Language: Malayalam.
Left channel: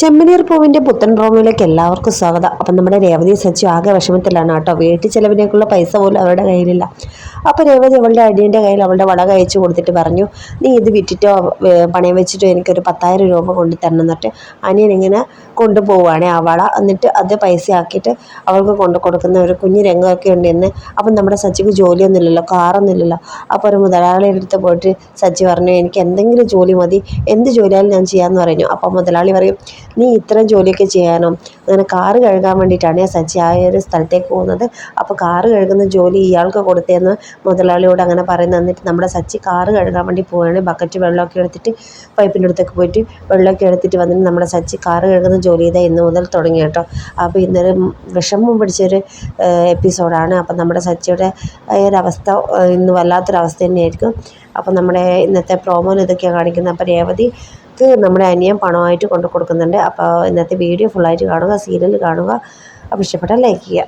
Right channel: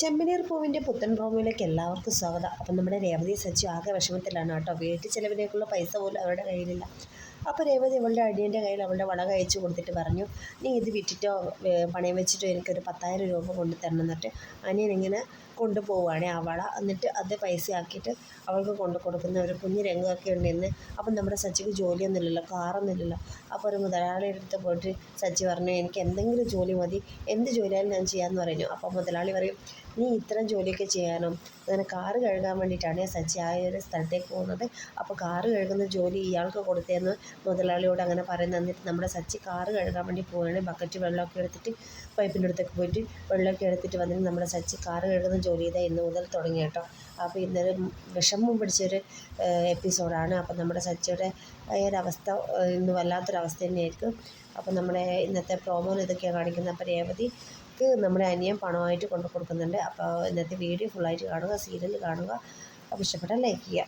ചെമ്മനീർ പൂവിന്റെ പുത്തൻ റോമിലേക്ക് എല്ലാവർക്കും സ്വാഗതം. അപ്പം നമ്മുടെ രേവതി സച്ചു ആകെ വിഷമത്തിലാണ് കേട്ടോ. വീട്ടിൽ ചിലവിനേക്കുള്ള പൈസ പോലും അവരുടെ കയ്യിലില്ല. അപ്പോൾ രേവതി അവളുടെ അടിയന്റെ കയ്യിൽ അവളുടെ വളക അയച്ചു കൊടുത്തിട്ട് പറഞ്ഞു നീ ഇത് വിറ്റിട്ടോ പണയം വെച്ചിട്ടോ എനിക്കൊരു പത്തായിരം രൂപ കൊണ്ട് തരണം എന്നിട്ട് അനിയൻ ഇങ്ങനെ കൊണ്ടുപോവുകയാണ് ആ വള. എന്നിട്ട് അത് പൈസ ആക്കിയിട്ട് അവൾക്ക് കൊണ്ടു കൊടുക്കുന്ന ഒരു കുഞ്ഞു രംഗമൊക്കെ ഉണ്ട് ഇന്ന് അപ്പം നമ്മുടെ സച്ചിക്ക് ജോലിയൊന്നുമില്ലല്ലോ കാറൊന്നുമില്ലല്ലോ അപ്പോൾ ഒരു മുതലാളിയുടെ അടുത്ത് പോയിട്ട് സച്ചി പറഞ്ഞു എനിക്ക് എന്തെങ്കിലും ജോലി മതി. എന്ത് ജോലിയായാലും ഞാൻ ചെയ്യാമെന്ന് പറഞ്ഞു. അപ്പോൾ മുതലാളി പറയും നീ ഇത്രയും ജോലിയൊക്കെ ചെയ്യാനോ? അങ്ങനെ കാറ് കഴുകാൻ വേണ്ടിയിട്ടാണ് സച്ചി ആ ഒരു സ്ഥലത്തേക്ക് പോകുന്നത്. അപ്പോൾ കാറ് കഴുകുന്ന ജോലി ഇയാൾക്ക് കൊടുത്തതെന്ന് മുതലാളിയോട് അങ്ങനെ പറയുന്നത് എന്നിട്ട് നമ്മുടെ സച്ചി കാറ് കഴുകാൻ വേണ്ടി പോവുകയാണ്. ബക്കറ്റ് വെള്ളമൊക്കെ എടുത്തിട്ട് പൈപ്പിന്റെ അടുത്തേക്ക് പോയിട്ട് വെള്ളമൊക്കെ എടുത്തിട്ട് വന്നിട്ട് നമ്മുടെ സച്ചി കാറ് കഴുകുന്ന ജോലി ചെയ്താൽ ഇന്ന് മുതൽ തുടങ്ങി കേട്ടോ. അപ്പോൾ ഇന്നൊരു വിഷമം പിടിച്ചൊരു എപ്പിസോഡാണ് അപ്പം നമ്മുടെ സച്ചിയുടെ ഒരവസ്ഥ ഇന്ന് വല്ലാത്തൊരവസ്ഥ തന്നെയായിരിക്കും. അപ്പം നമ്മുടെ ഇന്നത്തെ പ്രോമോയിൽ ഇതൊക്കെയാണ് കാണിക്കുന്നത്. അപ്പോൾ രേവതിക്ക് നമ്മുടെ അനിയൻ പണമായിട്ട് കൊണ്ടു കൊടുക്കുന്നുണ്ട്. അപ്പോൾ ഇന്നത്തെ വീഡിയോ ഫുള്ളായിട്ട് കാണുക സീരിയൽ കാണുക. അപ്പോൾ ഇഷ്ടപ്പെട്ടാൽ ലൈക്ക് ചെയ്യുക.